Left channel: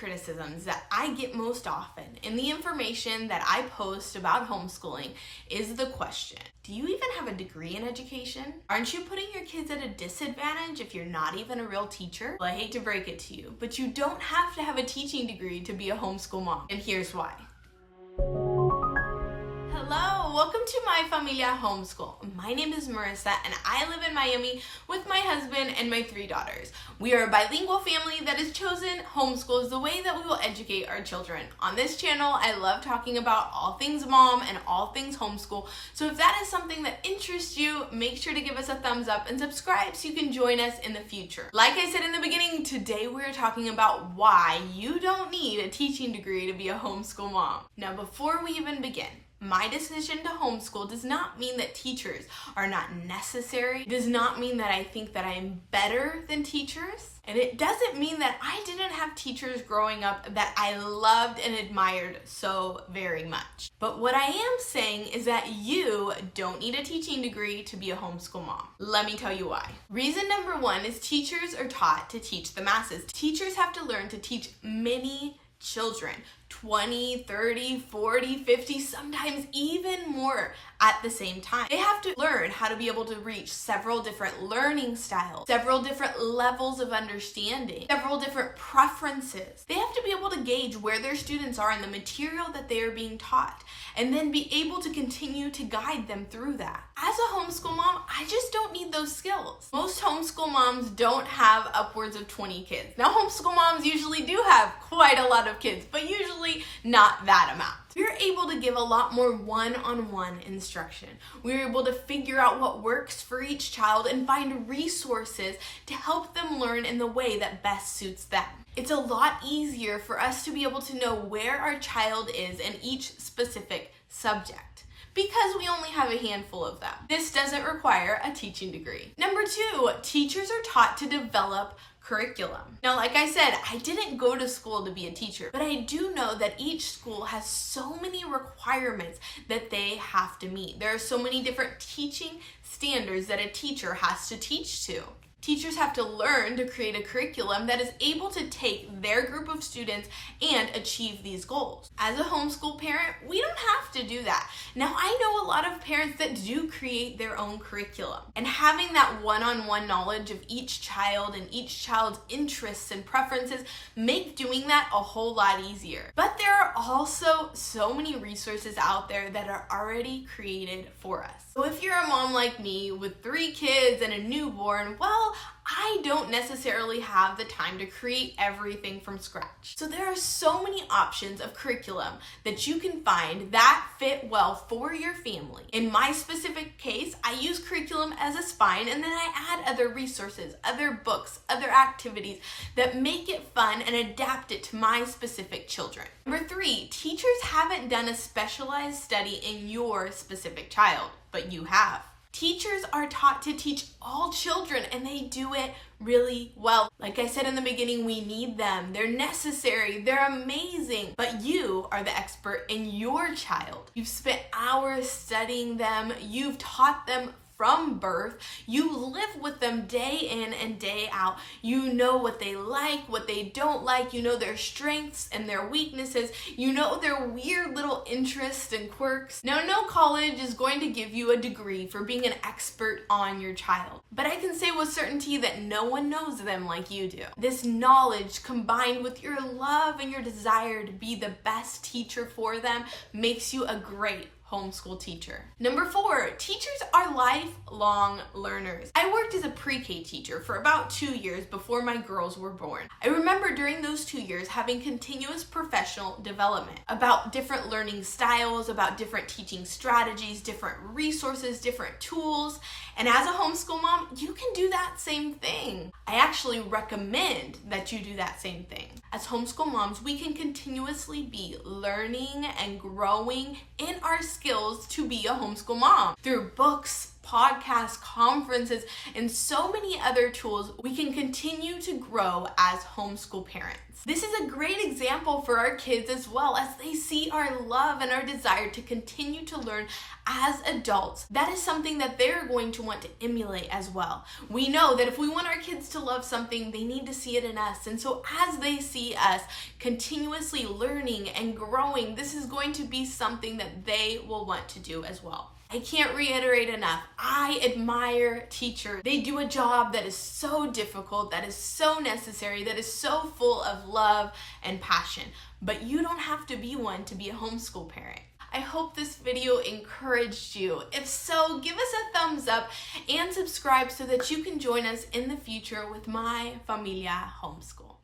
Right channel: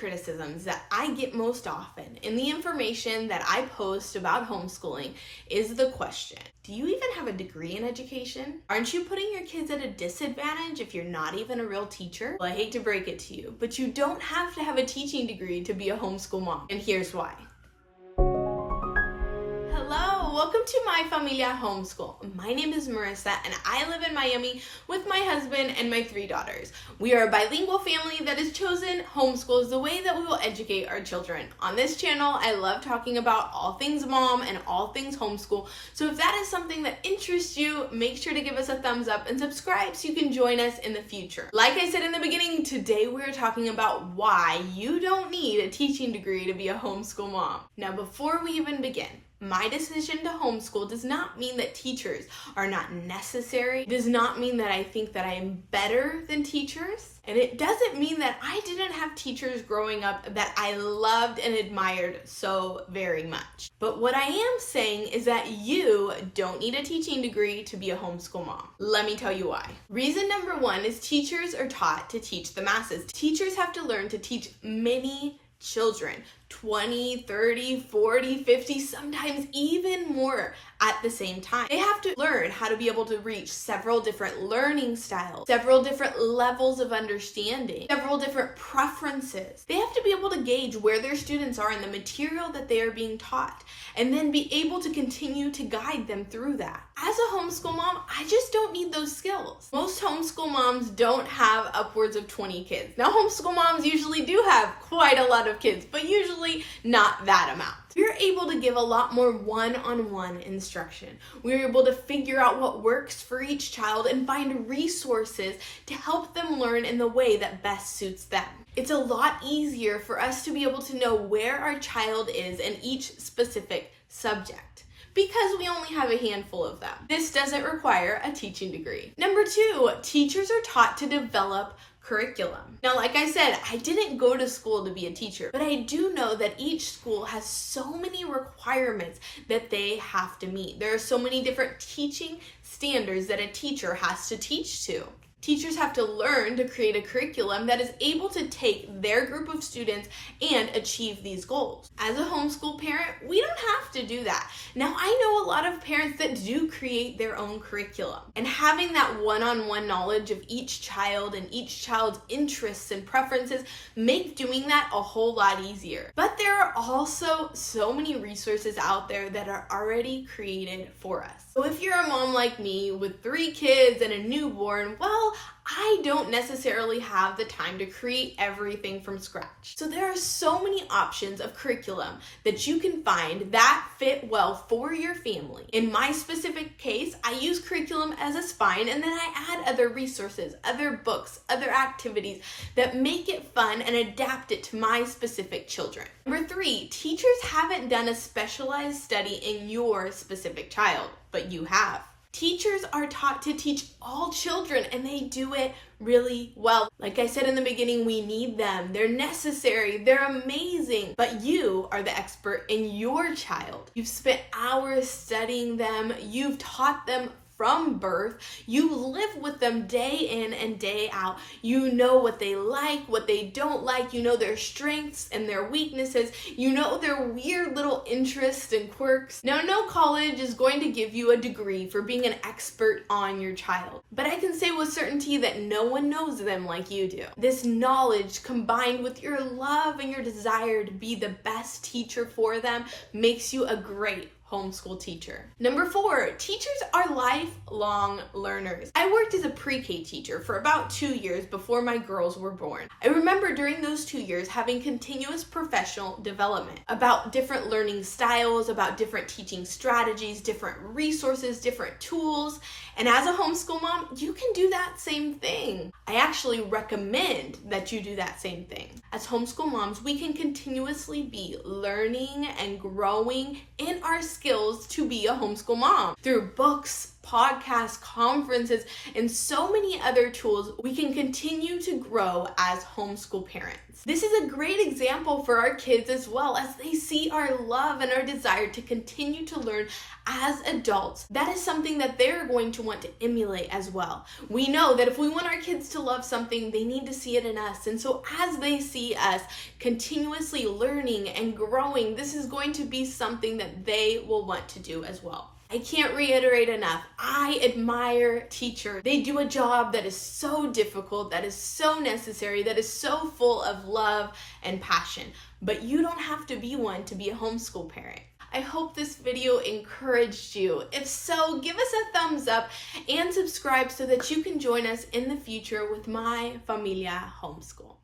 criticisms that I get most often in the information that I post about homeschooling is the question, do you even have a degree in education? Aren't you putting your kids at a disadvantage if you're not even a real teacher? Well, I hate to break it to you, but you don't have to have a teaching degree to be a homeschool mom, and here's why. Hello, welcome to My Familia Homeschool. My name is Marissa and I live in Miami with my husband and my 3 daughters. We are a bilingual family that has chosen homeschool as the way that we will educate our children. On this channel, I love talking about all things mom and all things homeschool. So if that is something that interests you, make sure to give us a thumbs up and subscribe so you can join us in the future. Like I said in the beginning, today we're talking about why you don't need a teaching degree to be a homeschool mom. Now, before we even begin, my decision to homeschool does not mean that teachers are not necessary. It does not mean that I think that I am better than teachers. And it doesn't mean that I didn't have teachers growing up that I loved and admired so very much. But what I am saying is that you don't need a teaching degree to be a homeschool mom. Let me tell you why. Reason number 1 is teachers are taught to teach the masses. Teachers have to learn to teach many children, 20, 30, 40, 50, sometimes even more at the same time. They have to learn how to be able to reach several different learning styles, several different levels of understanding, several different preferences. They have to be able to gauge where their students are in the material that they are being taught, and then be able to continue to guide them through that. As a homeschool mom, I just don't need those skills. Most homeschool moms don't have upwards of 20 kids. Now, homeschool moms usually do have quite a lot of kids, but usually not that amount. We're able to give a lot more one-on-one instruction. We're able to figure out what works for each child and find resources to help them learn in the way that best suits them. It's a lot easier for us to be able to know where our child is in each specific subject, because we only have a handful of them. This doesn't require a teaching degree. Number 2, teachers are taught to develop curriculum. Now, like I said, I didn't go to school to be a teacher, but I do know that each school has so many requirements that they have to meet. There are so many different teaching standards that a teacher has to teach to. Teachers have to learn to create a curriculum that is able to take their group of students and achieve these goals. As a homeschool parent, we don't have to do that. Now, I know a lot of parents that do create their own curriculum, and having that one-on-one knowledge of each child and each child's interests and preferences make doing that a whole lot easier. But there are also so many resources out there that are already created for us. So if you're a mom like me with 3 kids and a newborn, well, I don't necessarily have the time to create everything from scratch. So there are so many options of curriculum that you can find that fit well for your family. In my specific case, I use curriculum as a spine, and then I add other resources, other books, other activities that make it fun and adapt it to my specific children. Number 3, teachers haven't done a specialized study in your specific child, but you have. Teachers are taught to teach all children, and they do it really well. Like I said in the beginning, we need them. They're necessary. They're amazing. But you are the expert in your child. You've spent hours studying them. You've taught them from birth. You live with them day in and day out. You know what they like, what they don't like. You know their strengths and their weaknesses. You know their weird little interests and quirks. Now, no college is going to give you a degree for being an expert on your child, but I can say with certainty that no one knows them like you do. This knowledge, combined with your love and your desire to be the best teacher for them, makes you a great homeschool teacher. Number 4, teachers are lifelong learners. I worked as a pre-K teacher for about 2 years before my girls were born. I remember during those 2 years having continuous professional development about different learning styles, about different teaching strategies, different resources, different tools. And as a homeschool mom, you can do that same thing. I actually recommend that you do that same thing. As homeschool moms, we can continuously be learning and growing in our skills to be a homeschool mom through books, podcasts, conferences, and so many other tools, we can continue to grow as homeschool parents. This is a great example for our kids as well, as they see our love and our desire to continue to learn as adults. That is something that they're going to want to emulate as well. We know that if we want our kids to love something, they need to see it in us. And so as they see us continuously learning and growing, this is going to be something that they will want to do as well. I can't reiterate enough. I admire teachers. They do a job that is so difficult, that is so necessary, that is so full of love and passion. But you don't have to be one to be a homeschool parent. I hope this video encouraged you. If so, give us a thumbs up and subscribe so that you can join us in the future with My Familia Homeschool.